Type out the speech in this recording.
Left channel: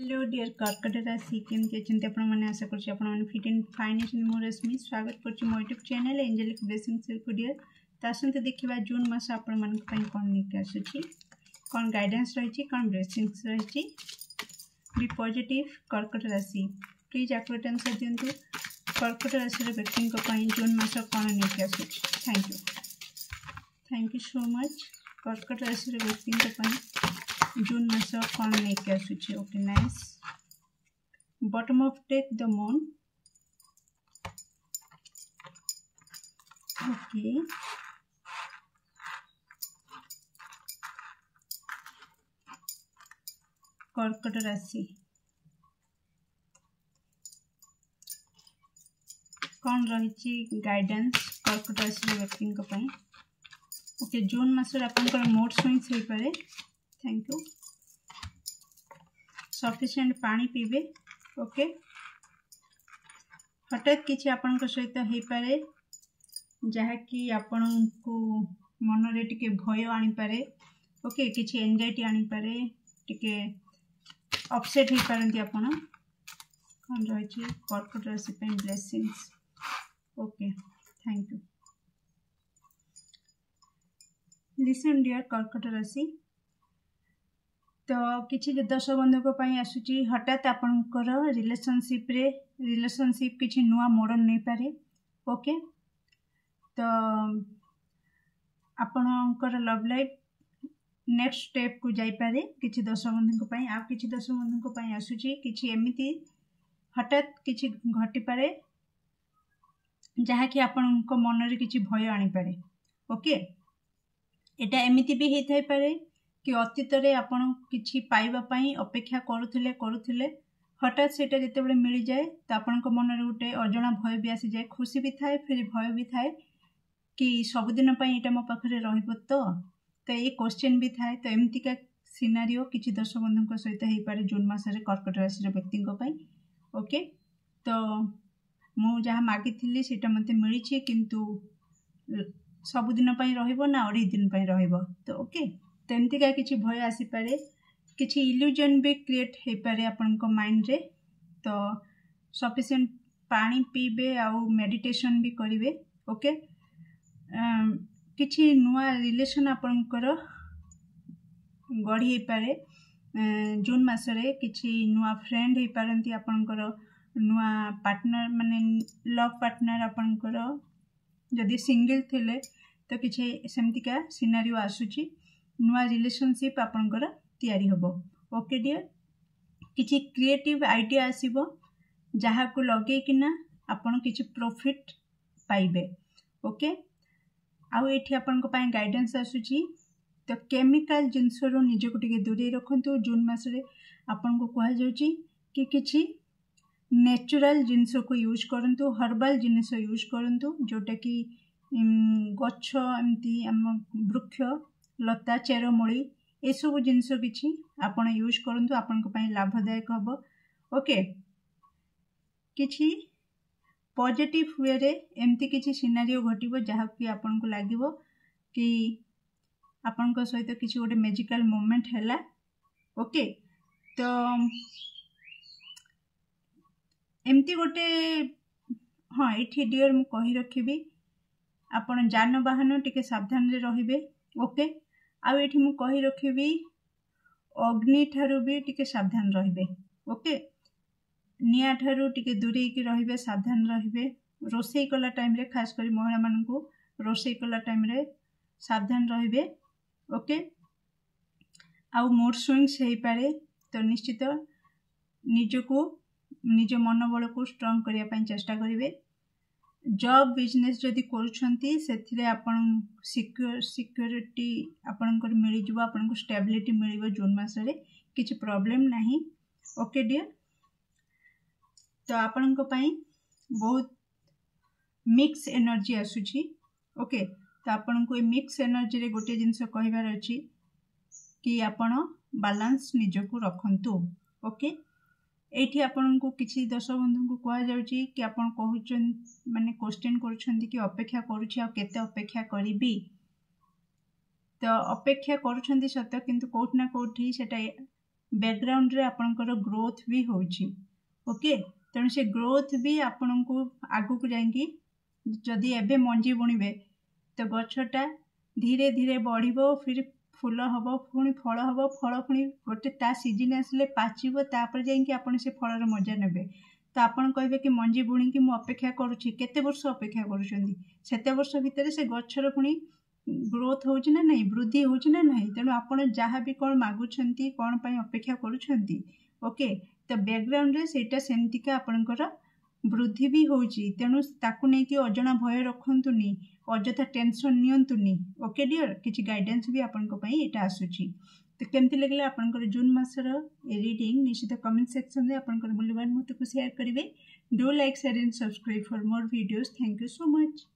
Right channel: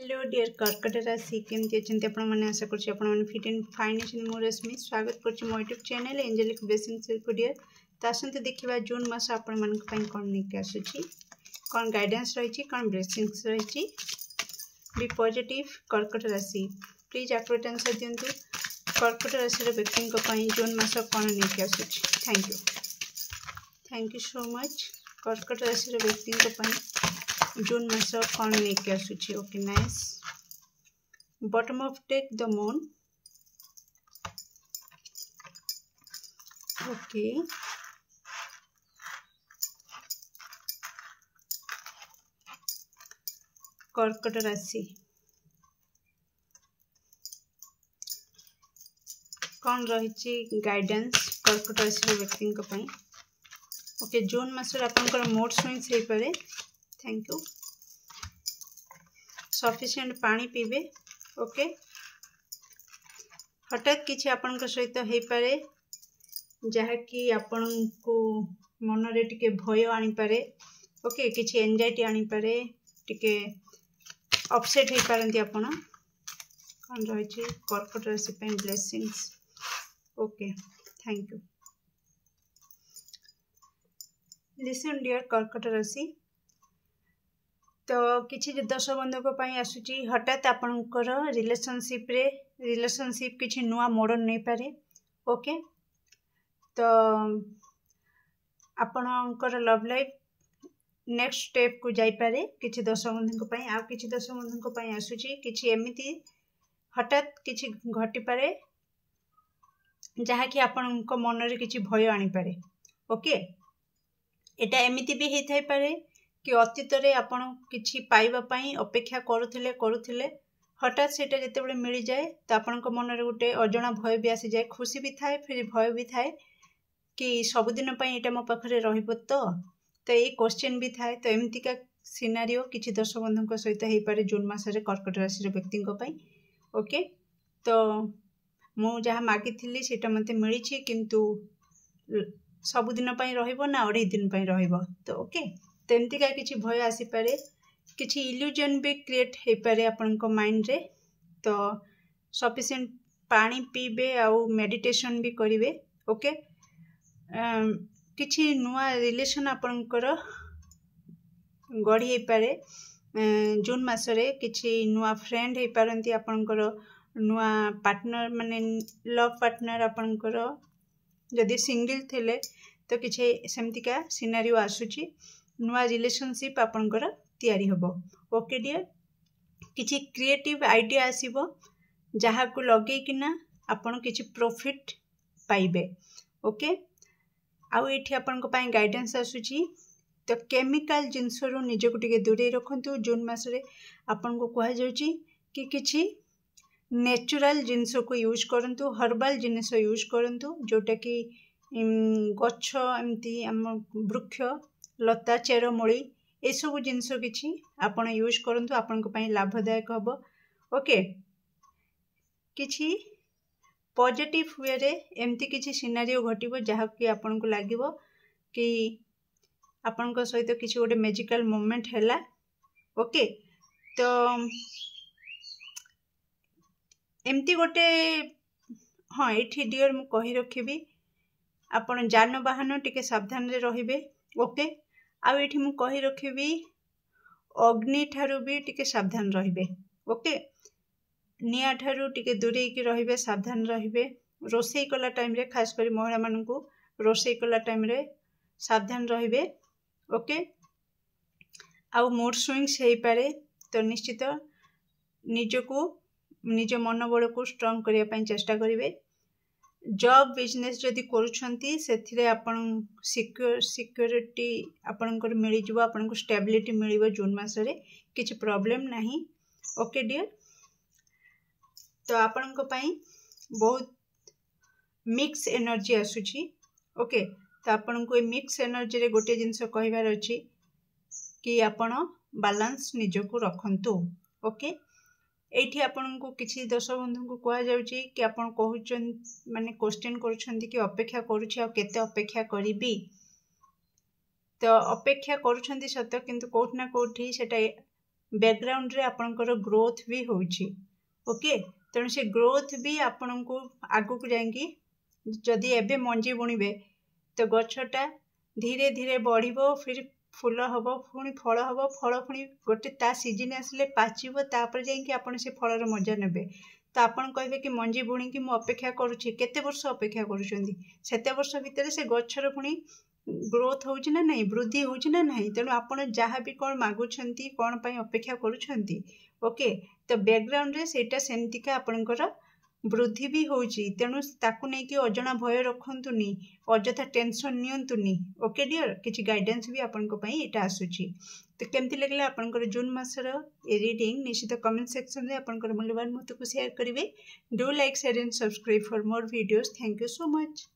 Hello dear कर्कट राशि केमती अच्छे आपने आशा कर फिट एंड फाइन अच्छे मो रश्मि स्वागत कर मो यूट्यूब चैनल एंजेलिक ब्लेसिंग्स को डियर तो आसते देखा जून मास आपण कौन नहीं आसूँ कौन गाइडेंस रही कौन ब्लेसिंग्स रही बी पॉजिटिव कर्कट राशि प्लीज एक्यूरेट आंसर दिंतु कर्कट राशि व्यक्ति जून मास कौन नहीं आसूँ थैंक यू सो मच कर्कट राशि व्यक्ति जून मास कौन नहीं आसूँ okay nice bottom of take the moon okay कर्कट राशि कौन रही गाइडेंस कर्कट राशि व्यक्ति ओके जून मासर आपंकर मूड स्विंग्स हो पारे थैंक यू सफिशिएंट पानी पीबे ओके हठात किसी आपण सहित हो पारे जहाँकि आपण को मन रे टिके भय आनी पारे ओके किसी एंजाइटी आनी पारे टिके अपसेट हो पारंती आपण कौन रही कर्कट राशि पे blessings okay thank you listen dear कर्कट राशि तो किसी दर्शक बंधुक आसूची हठात आपणकर रिलेशनशिप किसी नुआ मोड़ नहीं पारे ओके तो आपणकर लव लाइफ नेक्स्ट स्टेप को जाई पारे किसी दर्शक बंधुक आ किसी दर्शक बंधुक आसूची किसी एमिति हठात किसी घटी पारे जहाँकि आपण मन रे किसी भय आनी पारे ओके एटा एमिति भी होता पारे कि अतीत रे आपण किछि पाइबा पई अपेक्षा करुथिले हठात सेटा जेतेबेले मिल जाए तो आपणक मन रे गोटे अजणा भय भी आसी जाए खुशी भी थाए फिर भय भी थाए कि सबुदिन पई एटा मो पाखरे रहिबो तो ये क्वेश्चन भी थाए तो एमतिका सिनारियो किछि दर्शक बंधुक सहित हो पारे जून मासरे कर्कट राशि व्यक्ति ओके तो मु जहाँ मागिथिली सेटा मते मिली किंतु सबुदिन पई रहिबो ना 2.5 दिन पई रहिबो तो ओके तो एमतिका किसी भय आसीपे किसी इल्यूजन भी क्रिएट हो पारे आपण माइंड रे तो सफिशिएंट पानी पीबे आउ मेडिटेशन भी करिवे ओके किसी नुआ रिलेशन आपणकर गढ़ी पारे जून मासरे किसी नुआ फ्रेंड हो पारंती आपणकर नुआ पार्टनर माने लव पार्टनर आपणकर जदि सिंगल थिले तो किसी सेमतिका सिनारियो आसूची नुआ रिलेशनशिप आपणकर तैयारी होबो ओके डियर किसी क्रिएटिव आइडिया आसीबो जहाँ को लगे किना आपण किसी प्रॉफिट पाइबे ओके आउ एठी आपण को पाई गाइडेंस आसूची तो केमिकल जिनस रो निज को टिके दूरे रखंतु जून मासरे आपण को कहा जाउची कि किछि नेचुरल जिनस को यूज करंतु हर्बल जिनस यूज करंतु जोटा कि गच्छ एमती आम वृक्ष लता चेरमूली ये सब जिनस किछि आपण यूज करंतु आपण को पई लाभदायक हबो ओके किछि पॉजिटिव वे रे एमती किछि सिनारियो घटिबो जहा कि आपण को लागिबो कि आपण को सहित किछि गोटे मैजिकल मोमेंट हैला ओके तो एमती गोटे हाँ ये डियर मु कहि रखिबी आपण जानवाहन टिके सावधान रे रहिबे ओके आ ये मु कहि रखिबी अग्नि ठारू भी टिके सावधान रहिबे ओके निया ठारू टिके दूरे की रहिबे सावधान रहिबे रोसई कला टाइम रे खास कर महिला मान को रोसई कला टाइम रे सावधान रहिबे ओके आ मूड स्विंग्स हो पारे तो निश्चित निजको निज मनोबल को स्ट्रांग करने पाई चेष्टा करिवे जॉब बिजनेस जदि करूछंती सेथिरे आपण सिक्योरिटी आपणकर मिल जिवो आपनको स्टेबिलिटी मिलिबो जून मासरे किछि प्रॉब्लम नहीं ओके डियर तो आपनको पाई बहुत मिक्स एनर्जी आसुची ओके तो आपनको ए मिक्स एनर्जी रे गोटे जिंस कहबार अछि कि आपण बैलेंस निजको रखंतु ओके एठी आपण को किसी दर्शक बंधु को कहा जाउची कि आपण कहउचन माने क्वेश्चन करूछंती कि अपेक्षा करूछि आ केते अपेक्षा करिबी तो अपेक्षा करुछंती सत्य किंतु कोठ ना कोठी सेटा बैकग्राउंड रे आपणकर ग्रोथ भी होची ओके। तेणु से ग्रोथ भी आपण को आगु को जाएंगी जदि एबे मंजी बुणीबे तो गछटा धीरे धीरे बढ़िबो, फिर फूल हम पुणी फल हम, फल पुणी गोटे ता सीजन आसिले पाचिबो, तापर जाइंकी आपण से फलर मजा नेबे। तो आपण कहबे कि मंजी बुणी कि मु अपेक्षा करूछि, केते वर्ष अपेक्षा करूछंदी, सेते वर्ष भितर से गछर पुणी ग्रोथ होउछि ना नहीं, वृद्धि होउछि ना नहीं। तेणु आपण जहाँ भी कौन मागुछंती, कौन पाई अपेक्षा करूछंती ओके, तो बैकग्राउंड रे सेटा सेंतिका आपणकर वृद्धि भी होउछि। तेणु ताकू नहीं कि अजणा भय रखंतुनी, अजथा टेंशन नियंतुनी ओके डियर। किछि गाइडेंस भी आपनको पई एटा आसुछि। तो केमती लगला आपनकर जून मासर ए रीडिंग निश्चित कमेंट सेक्शन रे आपनकर मूल्यवान मत को शेयर करिवे। Do like share and subscribe for more videos. Thank you so much.